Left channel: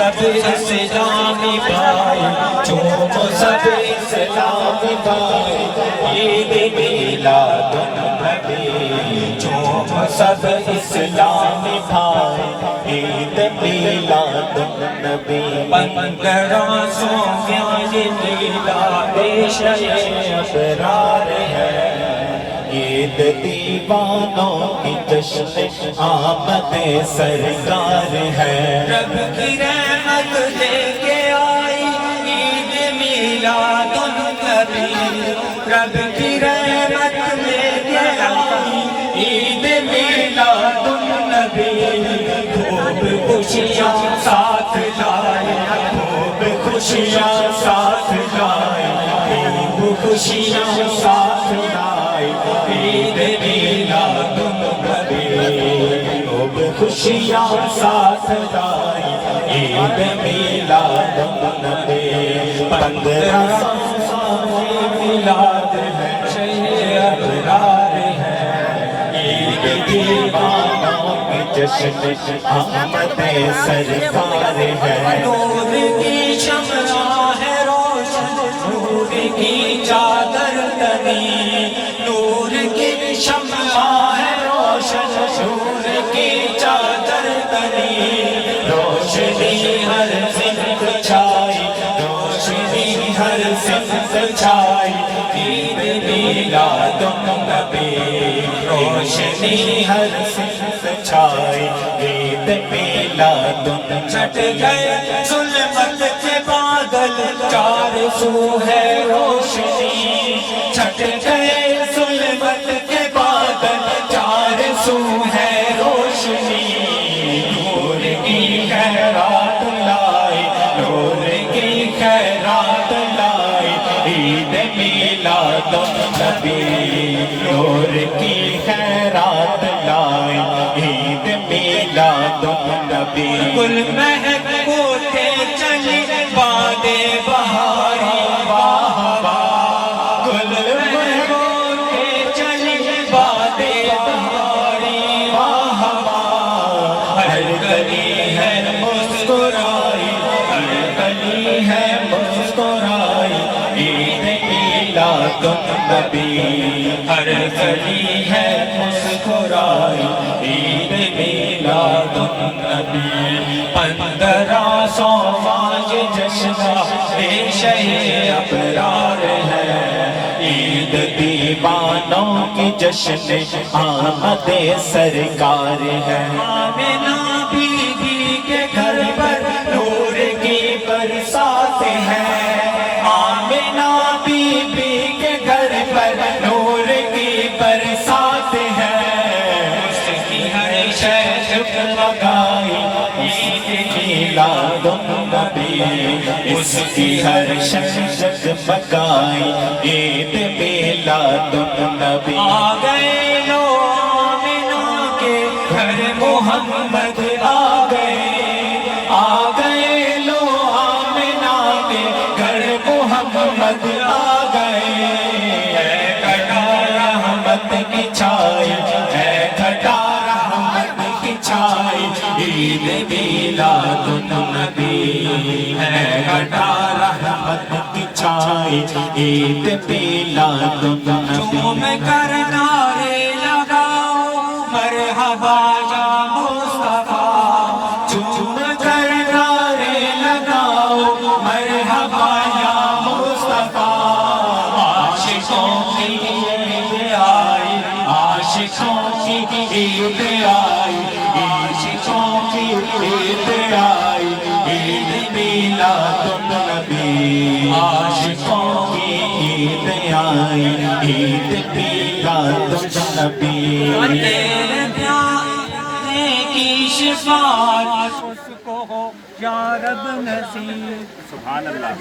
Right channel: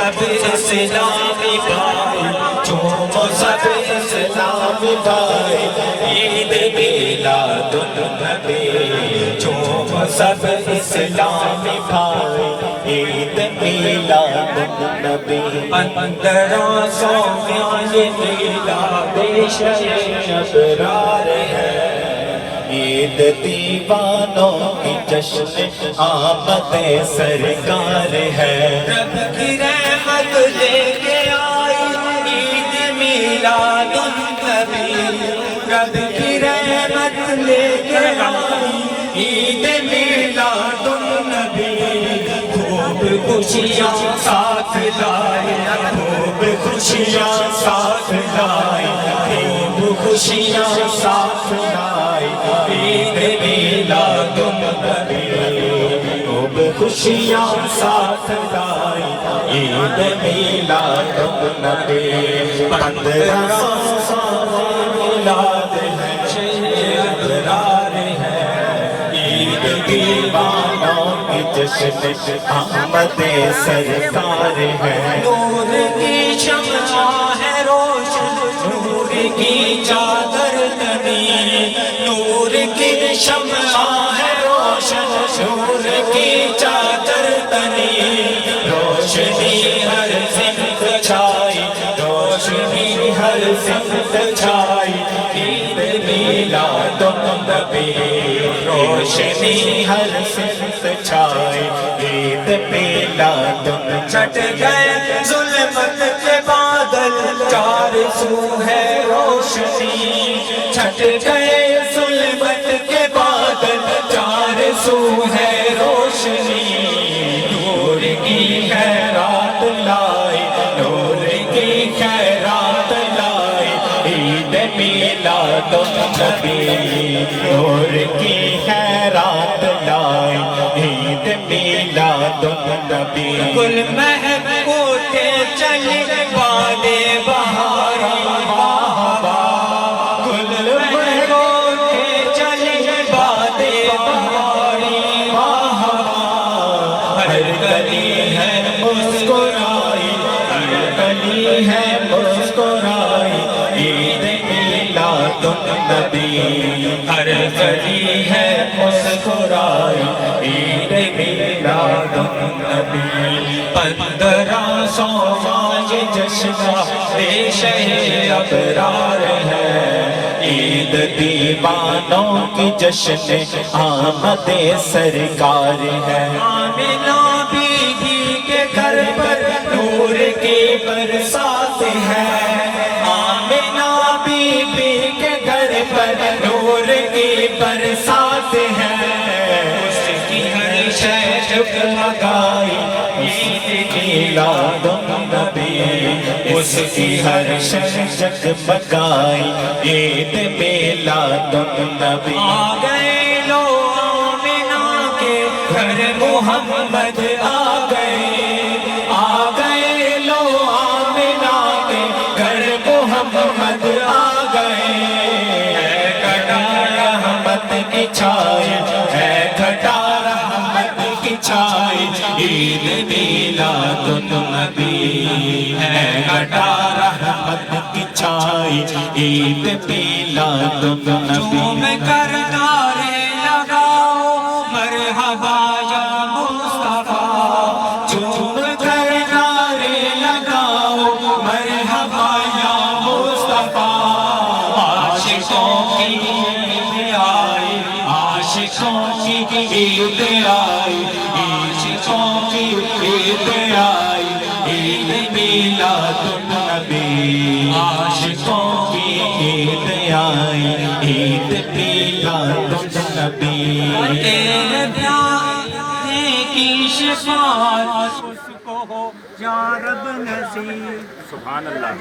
سب اسلامی بھائی، چومو سب اسلامی بھائی، عید میلاد النبی، چومو سب اسلامی بھائی، عید میلاد النبی۔ 1500 یہ میلاد شیخ ابرار ہے، عید دیوانوں کی جشن آمد سرکار ہے۔ رب کی رحمت لے کے آئی عید میلاد النبی، رب کی رحمت لے کے آئی عید میلاد النبی۔ خوب خوشیاں ساتھ لائی، خوب خوشیاں ساتھ لائی، خوب خوشیاں ساتھ لائی عید میلاد النبی، خوب خوشیاں ساتھ لائی عید میلاد النبی۔ 1500 میلاد ہے، شیخ ابرار ہے، عید دیوانوں کی جشن آمد سرکار ہے۔ نور کی شمع ہے روشن، نور کی چادر تنی، نور کی شمع ہے روشن، نور کی چادر تنی، روشنی ہر سمت چھائی، روشنی ہر سمت چھائی عید میلاد النبی، روشنی ہر سمت چھائی عید میلاد النبی۔ چھٹ گئے ظلمت کے بادل، چار سو ہے روشنی، چھٹ گئے ظلمت کے بادل، چار سو ہے روشنی۔ نور کی خیرات لائی، نور کی خیرات لائی عید میلاد النبی، نور کی خیرات لائی عید میلاد النبی۔ گل مہک اٹھے چلی بادے بہاری، واہ واہ، گل مہک اٹھے چلی بادے بہاری، واہ واہ، ہر گلی ہے مسکرائی، ہر گلی ہے مسکرائی عید میلاد النبی، ہر گلی ہے مسکرائی عید میلاد النبی۔ 1500 یہ جشن شیخ ابرار ہے، عید دیوانوں کی جشن آمد سرکار ہے۔ آمنہ بی بی کے گھر پر نور کی برسات ہے، آمنہ بی بی کے گھر پر نور کی برسات ہے، اس کی ہر شے جگمگائی عید میلاد النبی، اس کی ہر شے جگمگائی عید میلاد النبی۔ آ گئے لو آمنہ کے گھر محمد، آ گئے، آ گئے لو آمنہ کے گھر محمد، آ گئے، ہے گھٹا رحمت کی چھائی، ہے گھٹا رحمت کی چھائی عید میلاد النبی، ہے گھٹا رحمت کی چھائی عید میلاد النبی۔ میں کر نعرے لگاؤ مرحبا یا مصطفیٰ، چوم کر نعرے لگاؤ مرحبا یا مصطفیٰ، عاشقوں کی عید آئی، عاشقوں کی عید آئی، عاشقوں کی عید آئی عید میلاد النبی، عاشقوں کی عید آئی عید میلاد النبی۔ تیرے پیارے کی شفاعت اس کو ہو یا رب نصیب۔ سبحان اللہ۔